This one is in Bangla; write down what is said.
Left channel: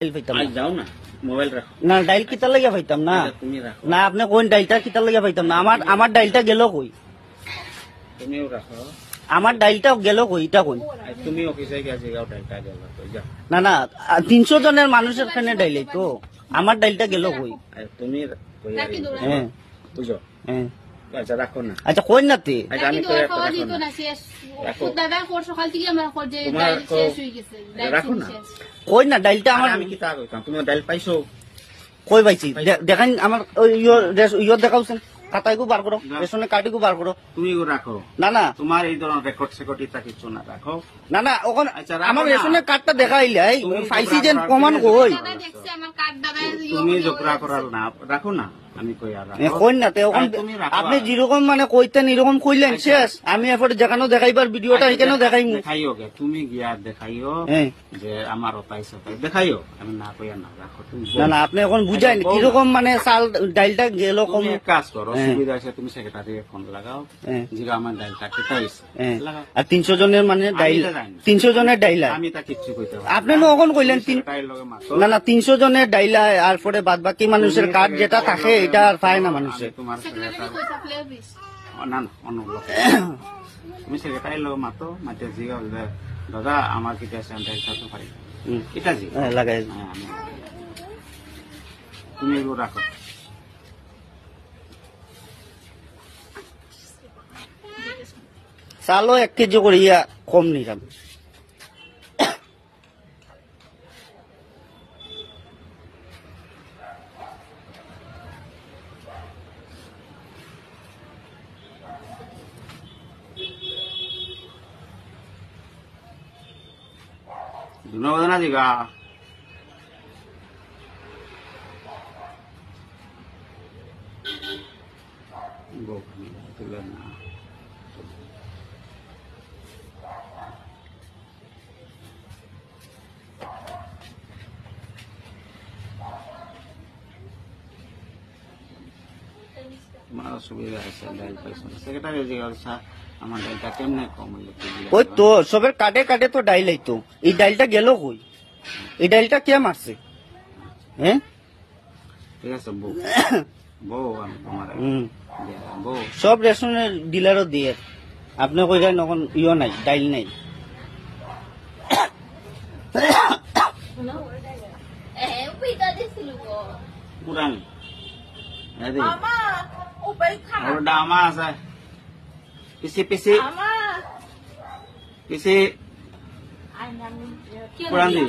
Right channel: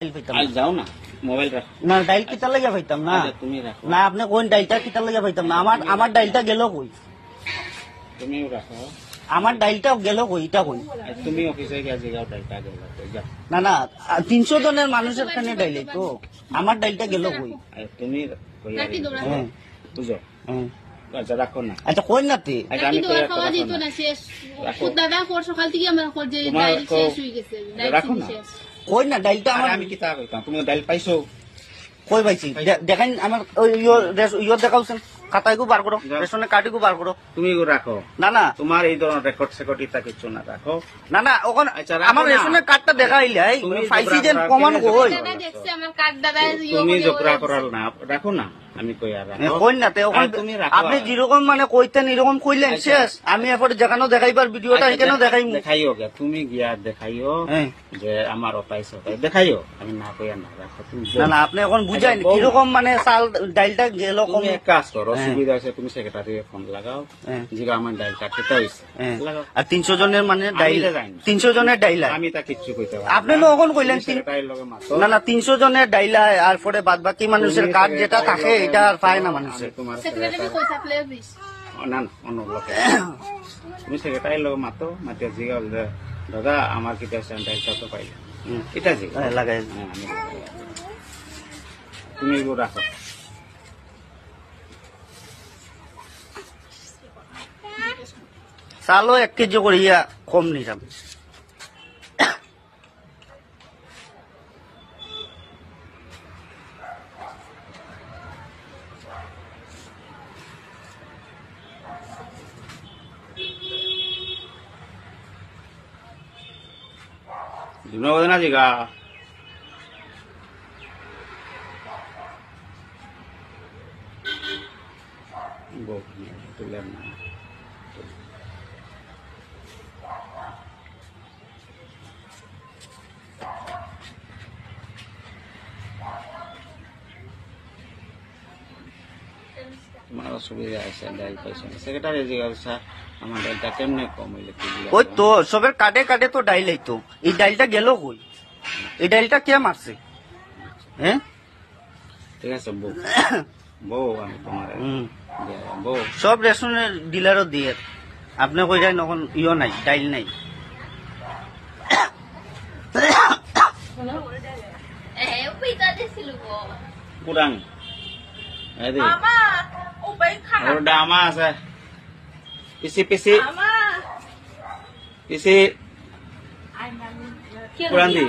যাও না মোবাইল রাখ না ডাইল কিতা লাগিয়া পাইতাম না তুমি রাখো না আপনি কোন ডাইলটা কিতা লাগিয়া পাইতাম না আমার ডাইলটা গেল কই তুমিও রাখো আমার ডাইলটা গেল কই এটা কই তুমি অফিসে গিয়ে জিগাও ডাইলটা গেল কই যাও না 300 জনের মানুষের খানে ডাইলে তো আমার ডাইলটা গেল কই তুমি কই আর হ্যাঁ বুঝো হ্যাঁ আচ্ছা রাখো না আচ্ছা কই না তে আচ্ছা আমি কই রাখো না রাখো দাদা কোর সকাল থেকে আমার কোর যে শেষ হয়ে গেছে রাখো না কই না ডাইলটা আমার আমি কি তা কইতাম তুমি ডাইল পাইছো কই পাইছি দেখেন আমার ওই ইয়র দেখাওছেন খাতাইগু বার করো রেশনের কার্ডগু বার করো তুমি রাখো না তোমার এই ধরনের রেকর্ড সেকর্ড ইতা কিছু না রাখো না ওখানে আচ্ছা, রাখো আমার না। রেশনের কার্ডটা দেখাইলে তুমি পাইছি ঝগড়া যে করার প্রমাণ কেন কই দাদা দেখছে আমার কার্ড দাদা তুমি ঝগড়া করার না রাখো না আমি কই আর রাখো কই না তে ওখানে আর তুমি রাখো আপনি যেরকম মানে কইতেন এরকম কইলেন শেষ আমি এরপরে যেখানে দেখাইবার ভিডিওটা এখানেও দেখাইমু দেখাইও গে তুমি গিয়া দেখাইও হ্যাঁ যে আমার অতাই সতাই দেখাইও আমি না কইয়া না রাখো তুমি না আপনি এখন বুঝাইন কিরকম মানে চাল ডাইলটা গেল কম তুমি কাজ করো সুবিধা আছে তুমি সেক্রেটারি ফোন লাগাও হ্যাঁ। জিগা আমার ডাইল কাটতে হইছে লাগাও আর 300 জনের মানে ডাইল তো জানি। 300 জনের ডাইলা আমি তা কিচ্ছু কইতে পারি আপনি এখন কইলেন সেক্রেটারির লগে মাতো না 300 জনের ডাইলা আর পরে বাদ বাকি মানুষের কার্ড যেটা থাকে এটা আর পায় না মানুষে তোমার সেক্রেটারি কই থাকলে দিস না অন্য লোকে তুমি সেক্রেটারির লগে মাতো মাতিয়া জিগা যে দাদা আমার কিটা ডাইল কাটতে পাই এটা জিগা লাগাই তুমি এগুলো রাখো চালও 1 কেজি করিয়া কম নিলাম ধন্যবাদ না জিগা তুলেন না তোমার অসুবিধা আছে ডাইল পাইছো সেক্রেটারি জিজ্ঞাসা আমার ডাইলটা কেমনে কম হইলে কি ওই তো সবের কাটে তো ডাইল আইতো এই ডাইলটা গেল কই এই ডাইলটা কে মারছে হ্যাঁ ঠিক আছে বউ আমি তোমার বউ সব রেশনের ডিলারও দিয়ে আপনি কইলেন এখন ইয় নাই ডাইল নাই পুরান ডামা আছে পিছি পুরান দি